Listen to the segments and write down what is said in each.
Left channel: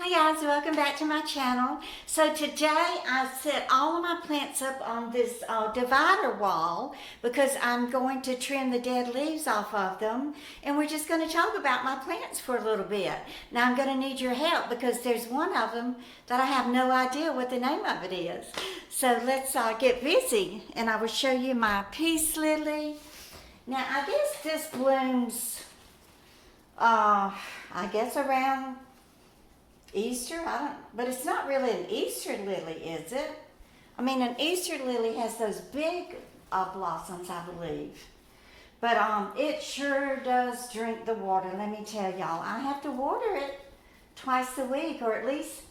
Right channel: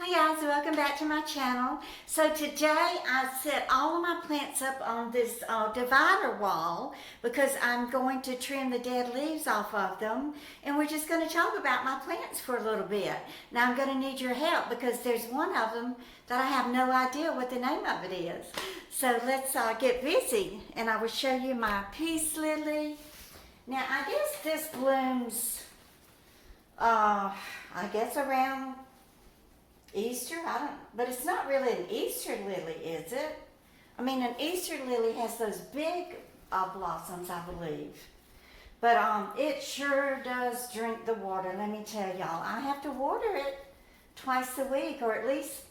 Hi guys, welcome back to my channel. So today I set all of my plants up on this divider wall because I'm going to trim the dead leaves off of them, and we're just going to talk about my plants for a little bit. Now I'm going to need your help because there's one of them that I have no idea what the name of it is. So let's get busy and I will show you my peace lily. Now I guess this blooms I guess around Easter, but it's not really an Easter lily, is it? I mean, an Easter lily has those big blossoms, I believe. But it sure does drink the water, let me tell y'all. I have to water it twice a week, or at least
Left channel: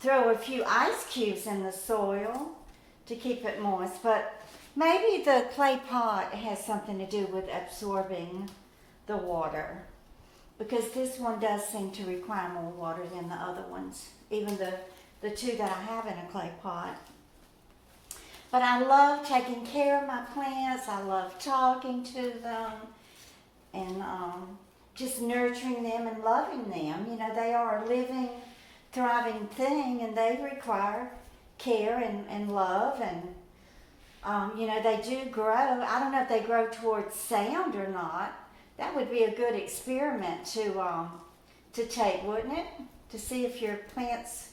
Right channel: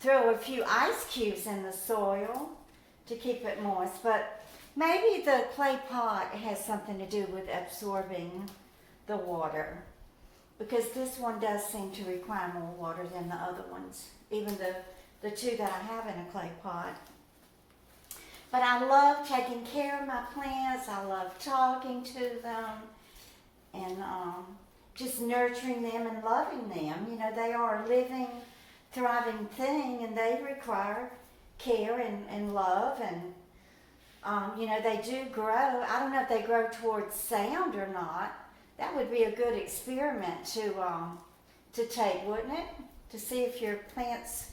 throw a few ice cubes in the soil to keep it moist. But maybe the clay pot has something to do with absorbing the water, because this one does seem to require more water than the other ones, even the two that I have in a clay pot. But I love taking care of my plants. I love talking to them and just nurturing them and loving them. You know, they are a living, thriving thing, and they require care and love. And, you know, they do grow. I don't know if they grow towards sound or not. That would be a good experiment to take, wouldn't it? To see if your plants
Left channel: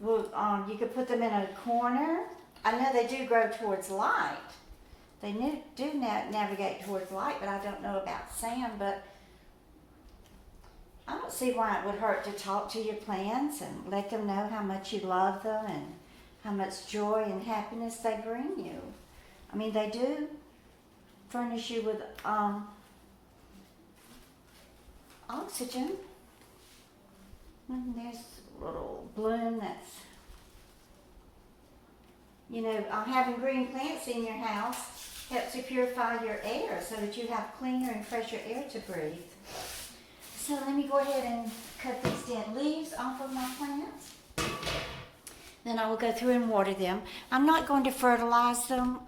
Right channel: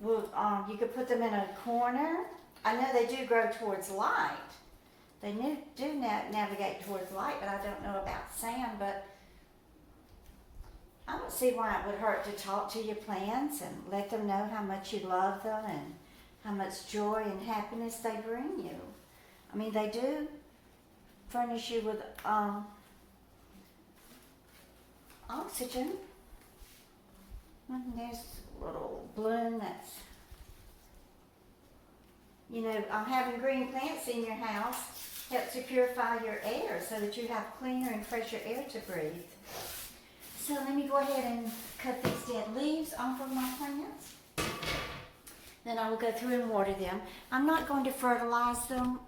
will, you could put them in a corner. I know they do grow towards light. They do navigate towards light, but I don't know about sand. But I don't see why it would hurt to talk to your plants and let them know how much you love them and how much joy and happiness they bring you. I mean, they do furnish you with oxygen. And there's a little bloom that's, you know, having green plants in your house helps you purify your air so that you have cleaner and fresher air to breathe. So let me go ahead and cut these dead leaves off of my plants. Then I will go through and water them. I'm not going to fertilize them.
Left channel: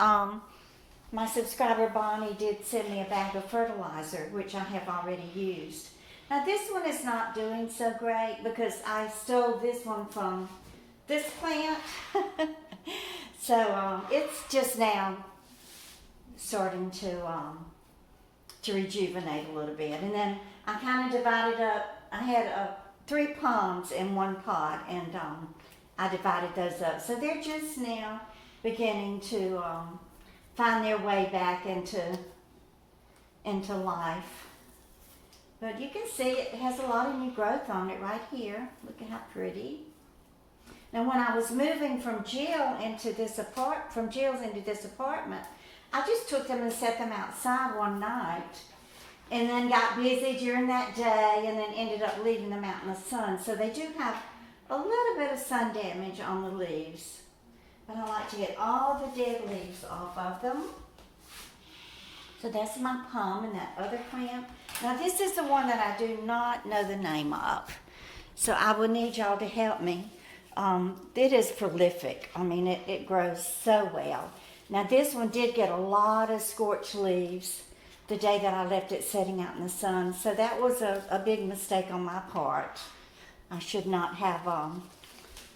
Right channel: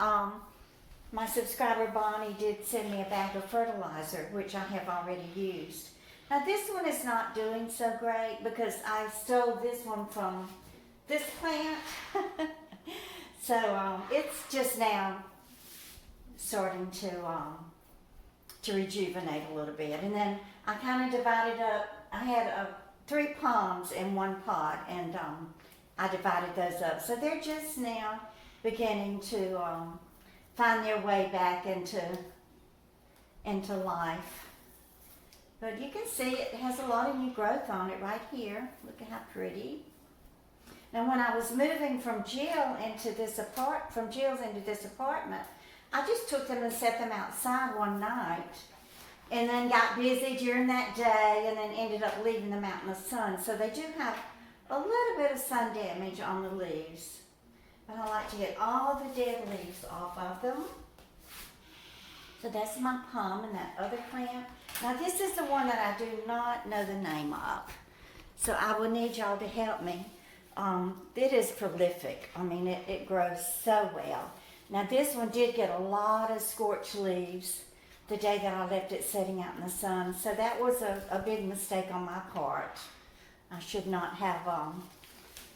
My subscriber Bonnie did send me a bag of fertilizer, which I have already used. Now this one is not doing so great because I stole this one from this plant. So it's just now starting to rejuvenate a little bit. And then I kind of divided up, I had 3 palms in one pot, and I divided those up. So they're just now beginning to find their way back into life. But you can see it has a lot of new growth on it right here. Look at how pretty. Now when I was moving from Jill's into this apartment, I just took them and set them outside one night and then got busy during that day and then ended up leaving them out in the sun. So they do have a little bit of sun damage on the leaves. But I like to get all the dead leaves off of them. So that's my palm and that other plant. Now this is the one that I do not know the name of. So I will need y'all to help me. It is prolific. I mean, it grows so well. Now this one did get a lot of scorched leaves the day that I left it sitting out in the sun. So that was a big mistake on my part. I should not have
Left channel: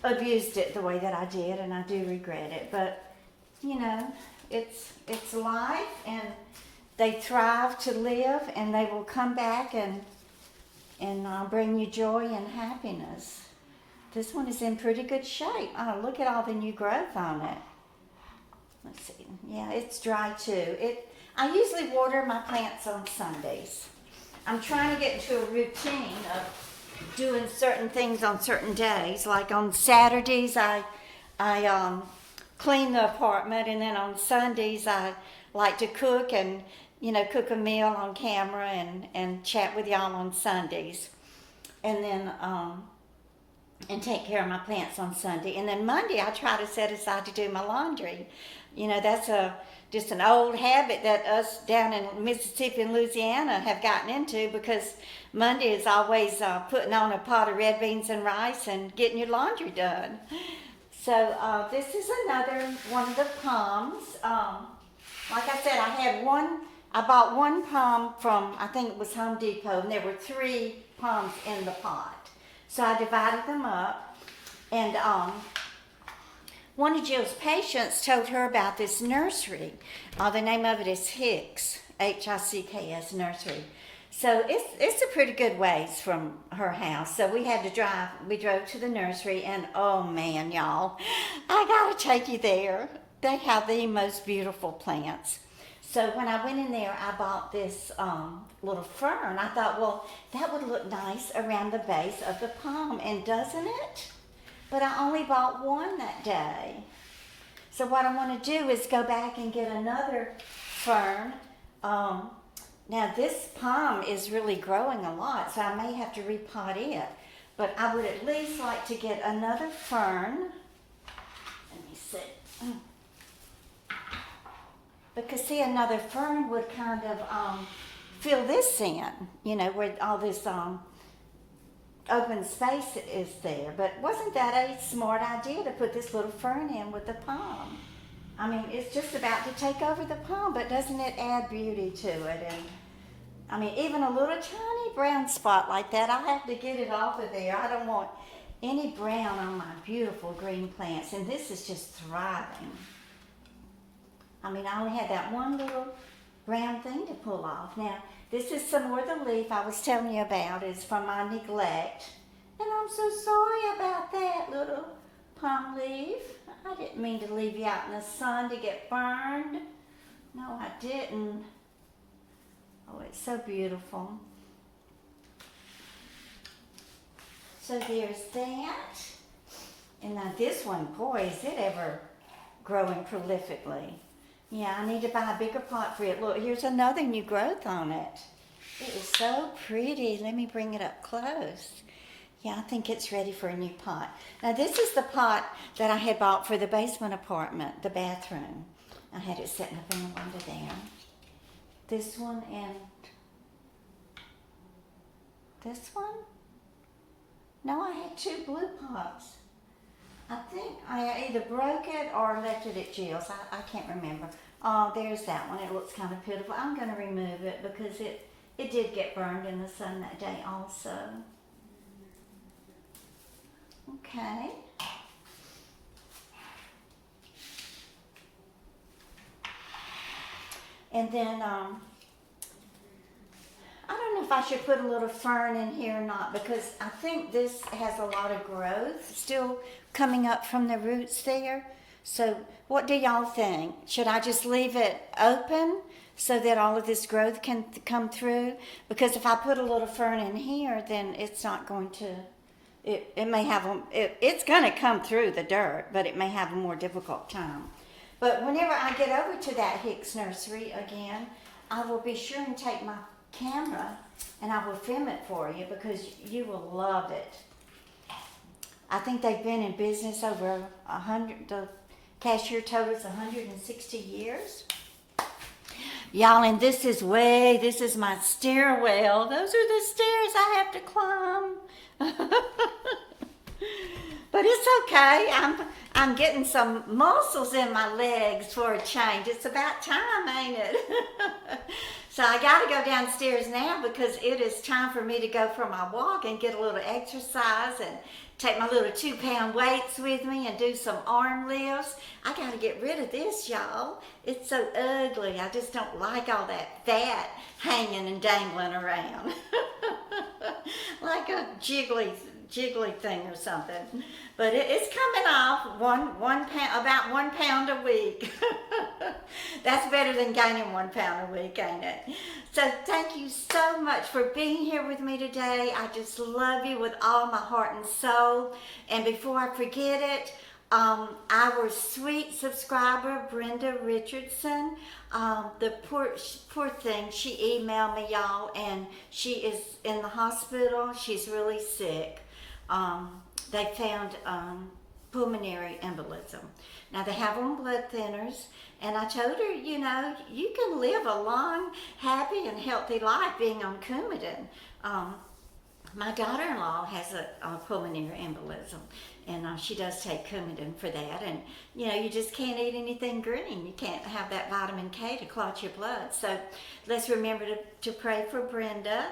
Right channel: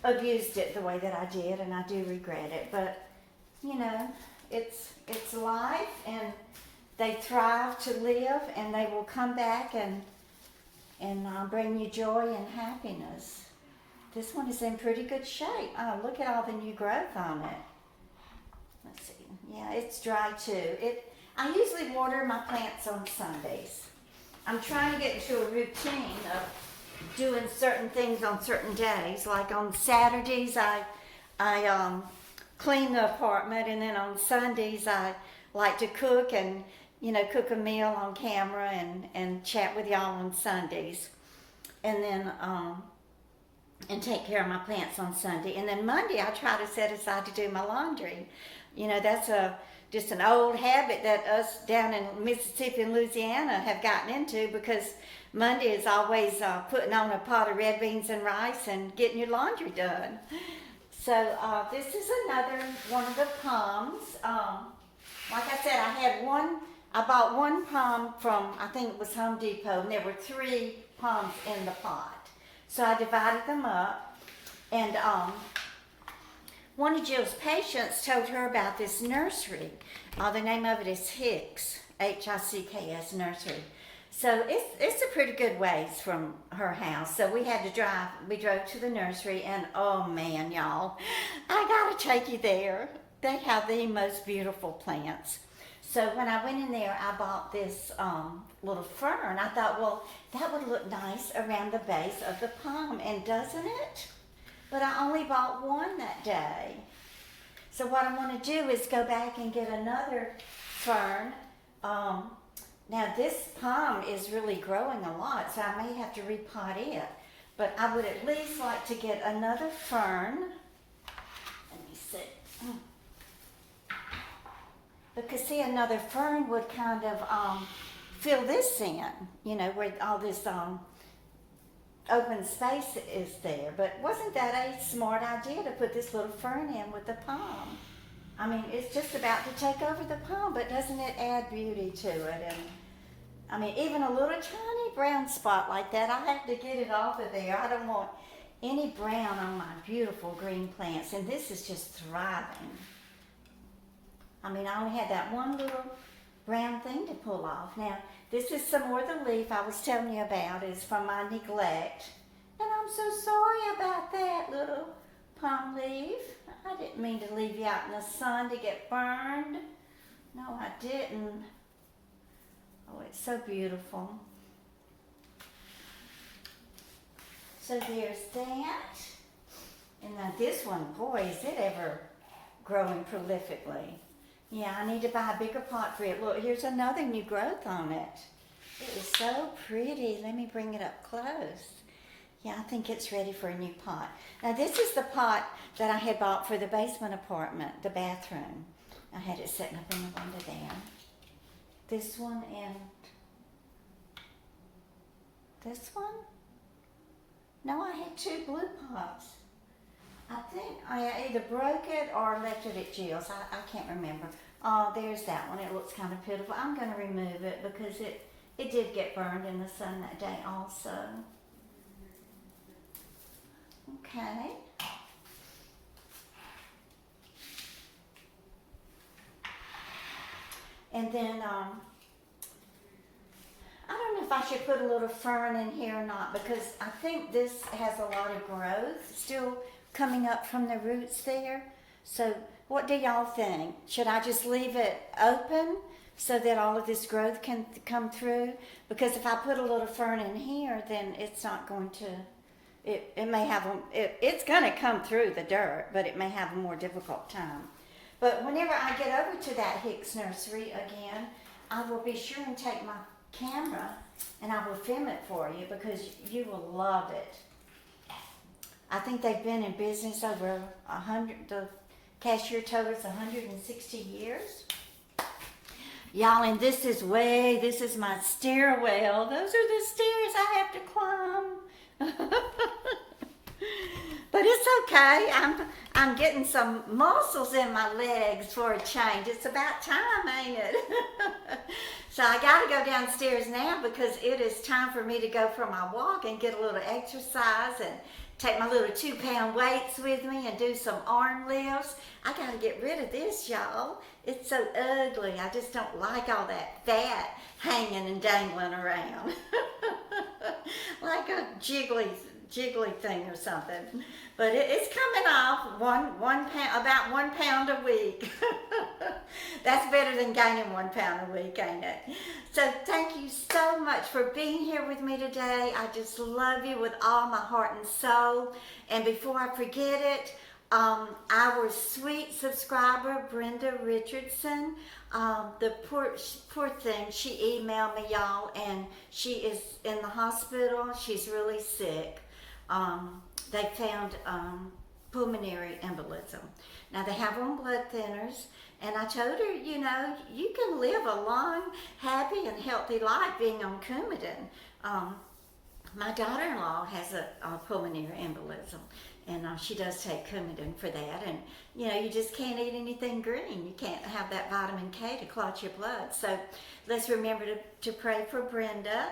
abused it the way that I did, and I do regret it. But, you know, it's life, and they thrive to live, and they will come back and bring you joy and happiness. This one is in pretty good shape. Oh, look at all the new growth on it. Let's see. Yeah, it's dry too. I usually water my plants on Sundays. I'm trying to get into a routine of doing certain things on certain days. Like on Saturdays, I clean the apartment, and then on Sundays, I like to cook and, you know, cook a meal on camera and chat with y'all on Sundays. And then, and take care of my plants on Sunday. And then Monday, I try to set aside to do my laundry. You know, that's just an old habit that us down in Mississippi and Louisiana have gotten into, because Monday is always putting on a pot of red beans and rice and getting your laundry done. So this is another one of the palms. Like I said, I bought one palm from, I think it was Home Depot, and there were 3 palms in the pot. So I divided them up, and one of Jill's patients told her about this nursery. The name of it is Hicks, Hicks Nursery. So it's a pretty good ways from her house. So we drove to the nursery, and oh man, y'all, I gotta take you there. They have the most beautiful plants. So when I went in there, I bought this little fern. I thought, well, that would look nice around the base of the palm, and doesn't it? But I only bought one that day. So what I want to do is go back and get another fern. Now this palm is really growing a lot, so I may have to repot it. But I would at least like to get another fern. Let me see. Because see, another fern would kind of fill this in, you know, where all this open space is there. But wasn't that a smart idea to put this little fern in with the palm? I mean, it's just about to take over the palm, but doesn't it add beauty to it? And I mean, even a little tiny brown spot like that, I have to get it off of there. I don't want any brown on my beautiful green plants, and this is just thriving. I mean, I only had that one little brown thing to pull off. Now, this is some more of the leaf I was telling you about. It's from my neglect. And I'm so sorry about that, little palm leaf. I didn't mean to leave you out in the sun to get burned. No, I didn't. Oh, it's so beautiful. So there's that. And now this one, boy, is it ever growing prolifically. Yeah, I need to buy a bigger pot for it. Look, here's another new growth on it. It is so pretty. Let me bring it up close. Yeah, I think it's ready for a new pot. Now, this is the pot that I had bought for the basement apartment, the bathroom. I had it sitting up in the window there. This one and this one? No, I had two blue pots. I think I either broke it or left it at Jill's. I can't remember. Oh, there's that one. It looks kind of pitiful. I'm going to remove it because it did get burned in the sun that day also. Okay. And then, I don't know if I should put a little fern in here or not, because I think this has a lot of growth still coming up from the roots there. So what do y'all think? Should I just leave it open so that all of this growth can come through? Because if I put a little fern in here, then it's not going to, it may have, it's going to come through the dirt, but it may have a more difficult time. But whenever I get over to that Hicks Nursery again, I will be sure and take my camera and I will film it for you, because you will love it. I think they've been in business over 100, the cashier told us 160 years. Y'all, and this is my stairwell. Those are the stairs I have to climb. But it's okay. I'm getting some muscles in my legs for a change. It's about time, ain't it? So I got to go downstairs now because it is time for me to go for my walk and get a little exercise and take my little 2-pound weights with me and do some arm lifts. I got to get rid of this, y'all. It's so ugly. I just don't like all that fat hanging and dangling around. Like a jiggly thing or something. But it's coming off one pound, about 1 pound a week. That's better than gaining 1 pound a week, ain't it? So thank you so much for being here with me today. I just love you with all my heart and soul. And before I forget it, our sweet subscriber, Brenda Richardson, the poor thing, she emailed me, y'all, and she is in the hospital. She's really sick. They found pulmonary embolism. Now, they have on blood thinners, and I told her, you know, you can live a long, happy, and healthy life being on Coumadin. My daughter-in-law has a pulmonary embolism, and she does take Coumadin for that. And, you know, you just can't eat anything green. You can't have that vitamin K to clot your blood. So let's remember to pray for Brenda.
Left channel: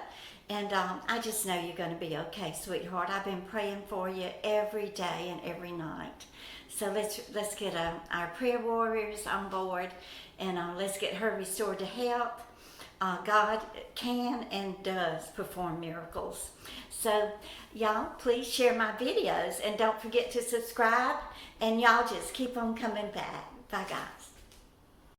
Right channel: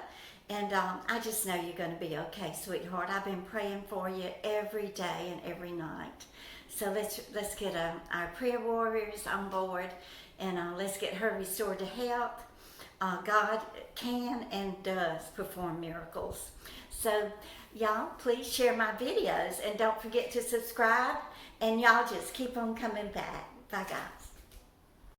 And I just know you're going to be okay, sweetheart. I've been praying for you every day and every night. So let's get our prayer warriors on board, and let's get her restored to health. God can and does perform miracles. So y'all, please share my videos, and don't forget to subscribe, and y'all just keep on coming back. Bye, guys.